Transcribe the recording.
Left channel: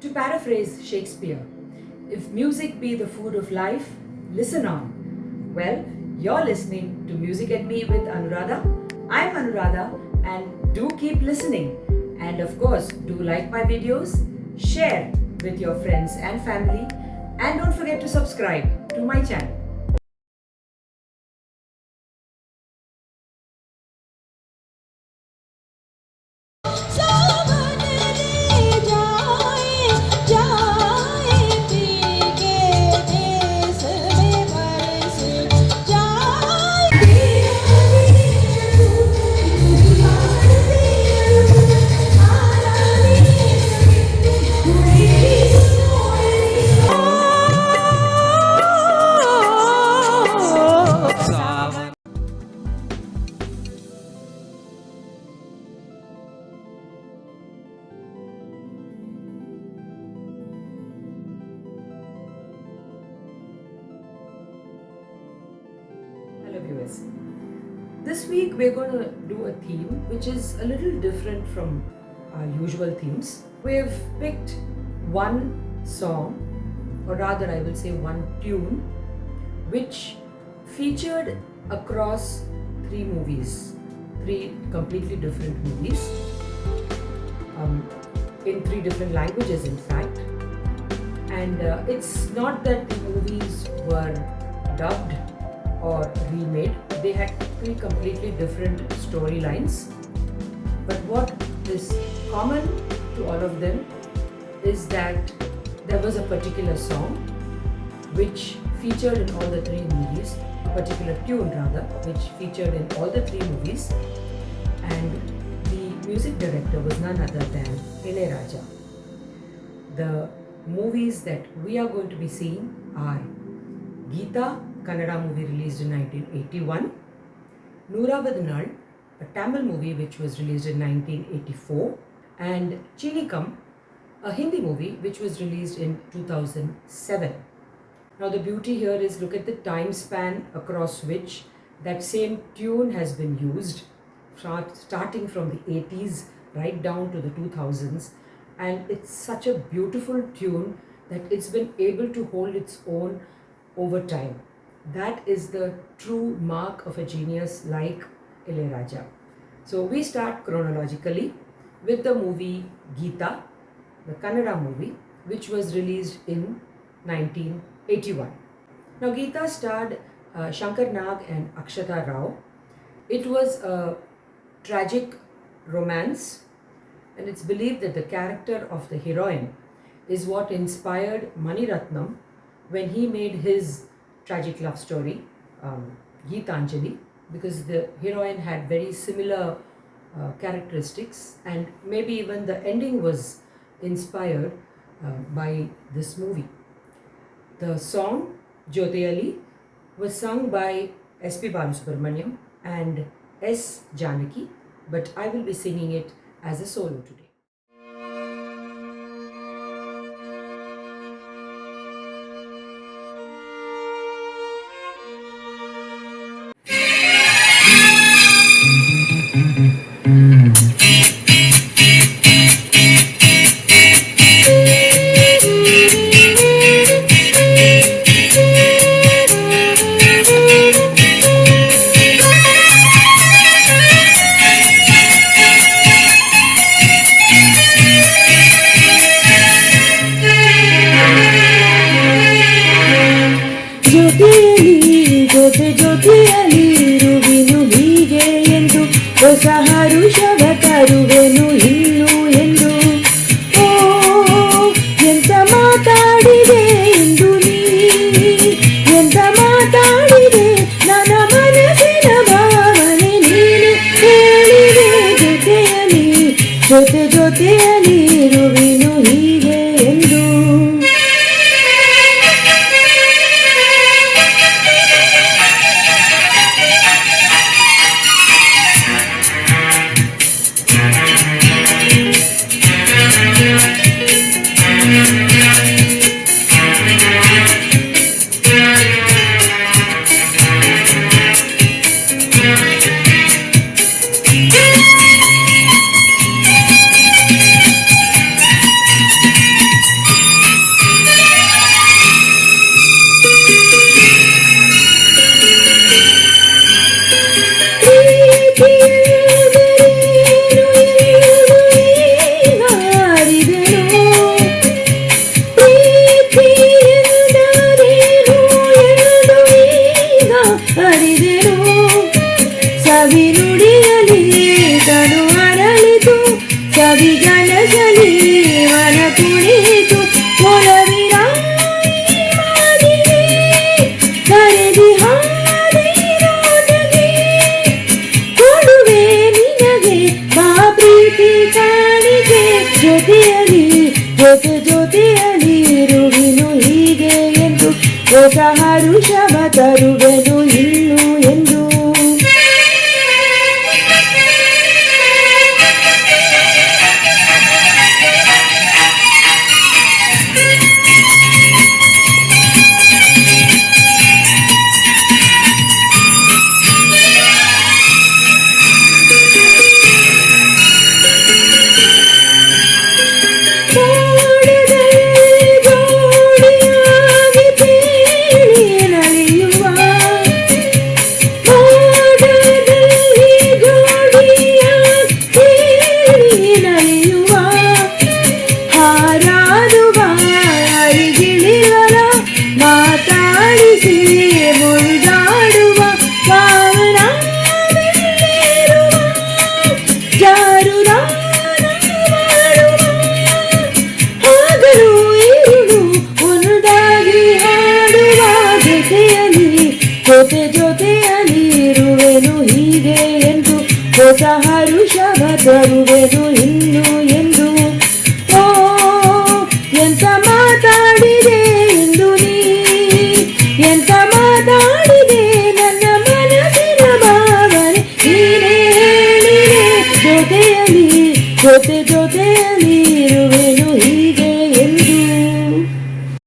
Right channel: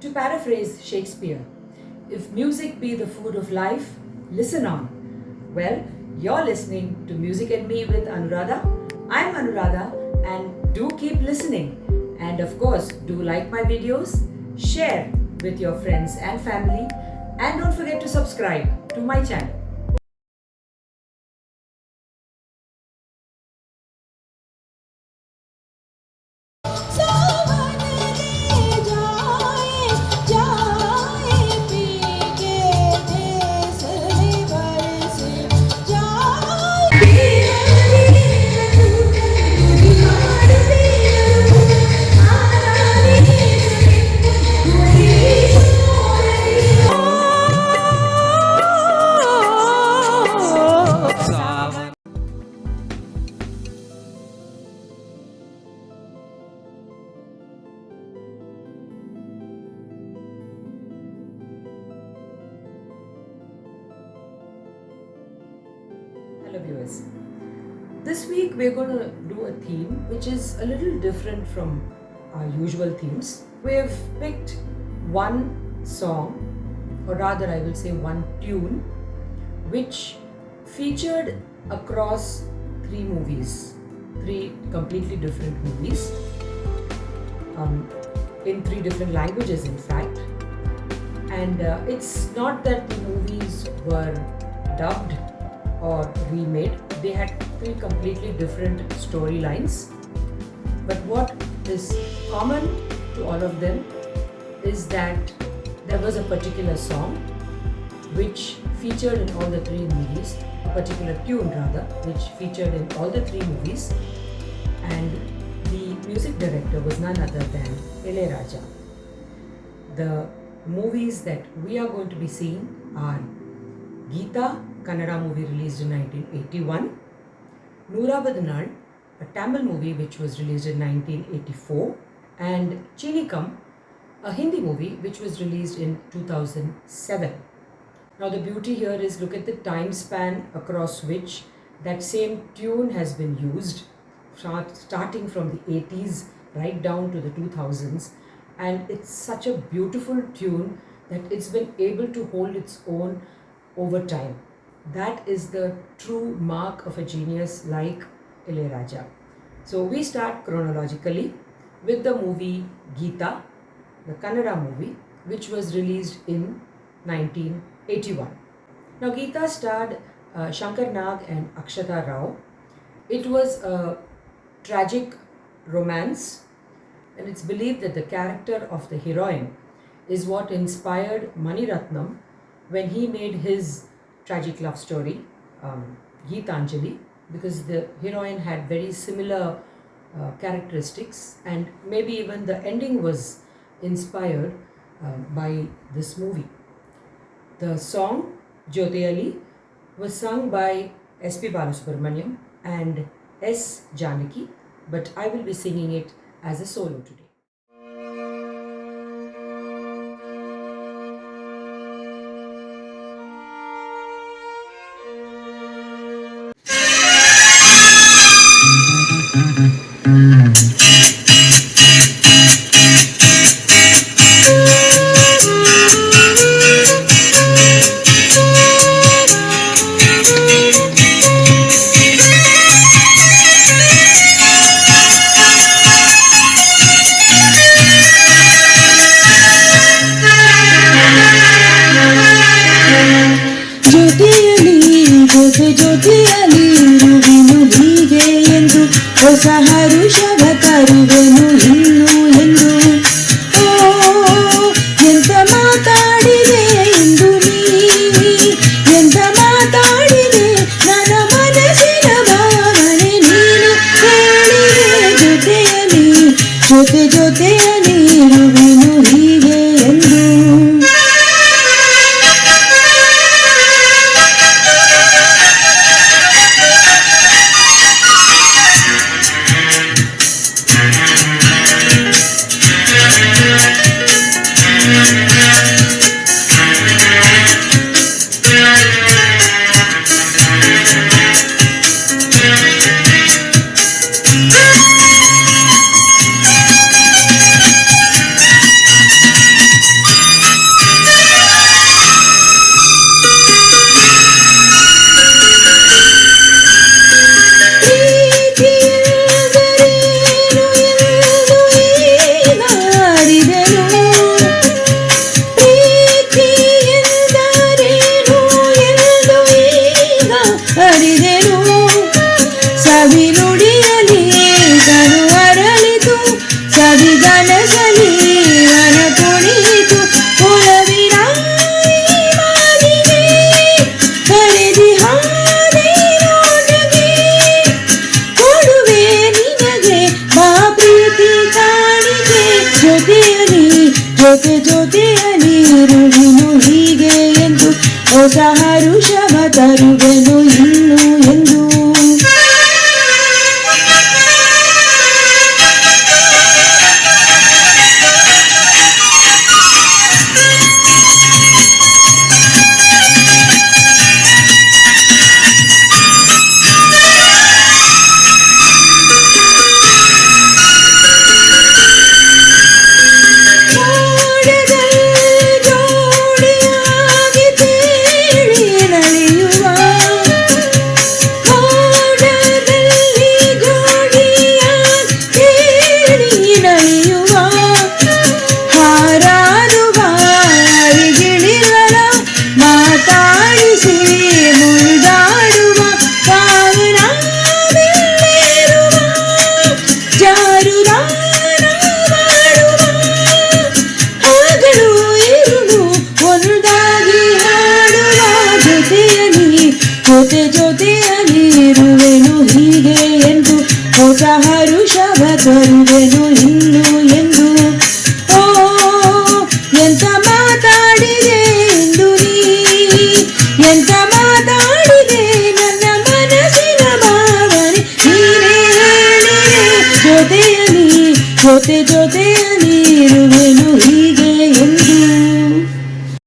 To paraphrase Shakespeare, if music be the food of life, listen on. Well, you're listening to Music and Me with Anuradha. I'm Anuradha and do keep listening. And of course, do like my videos, share with your friends and family, and don't forget to subscribe to my channel. Hello viewers. This week we're going to do a theme which is a little different from our usual themes. We've picked one song, or rather I will say one tune, which featured across three movies, three completely different movies, in three different languages in fact. And it's not that the movies were dubbed or remade, they had three completely different storylines. But what is common to all of them is that there was a particular song which featured in all the three movies, a particular tune rather, which featured in all the three movies, and the music director was none other than Ilaiyaraaja. The movies that we are going to be seeing are Geeta, Kannada movie released in 1981, Nooravadu Naal, a Tamil movie which was released in 1984, and Chinikam, a Hindi movie which was released in 2007. Now the beauty here is, look at the time span across which that same tune has been used, starting from the 80s right down to the 2000s, and it's such a beautiful tune that it's been able to hold its own over time. That is the true mark of a genius like Ilaiyaraaja. So we start chronologically with the movie Geeta, the Kannada movie, which was released in 1981. Now Geeta starred Shankar Nag and Akshata Rao. It was a tragic romance, and it's believed that the character of the heroine is what inspired Mani Ratnam when he made his tragic love story, Geetanjali, because the heroine had very similar characteristics, and maybe even the ending was inspired by this movie. The song Jyoti was sung by S.P. Balasubramaniam and S. Janaki, but I will be singing it as a solo today. ಜ್ಯೋತಿಯಲ್ಲಿ ಇರುವೆನು ಹೀಗೆ ಎಂದು ಹೊಸ ಹರುಷವ ತರುವೆನು ಇನ್ನು ಎಂದು. ಓ ಎಂತ ಮಾತಾಡಿದೆ ಇಂದು ನೀ, ಎಂತ ಮಾತಾಡಿದೆ ನನ್ನ ಮನಸ್ಸಿನ ಭಾವನೆ ನೀನು ಹೇಳಿದೆ. ಜೊತೆಯಲ್ಲಿ ಜೊತೆಯಲ್ಲಿ ಇರುವೆನು ಹೀಗೆ ಎಂದು. ಜೊತೆಯಲ್ಲಿ ಇರುವೆನು ಹೀಗೆ ಎಂದು ಹೊಸ ಹರುಷವ ತರುವೆನು ಇನ್ನು ಎಂದು. ಓ ಎಂತ ಮಾತಾಡಿದೆ ಇಂದು ನೀ, ಎಂತ ಮಾತಾಡಿದೆ ನನ್ನ ಮನಸ್ಸಿನ ಭಾವನೆ ನೀನೇ ನೀನೇ. ಜೊತೆಯಲ್ಲಿ ಇರುವೆನು ಹೀಗೆ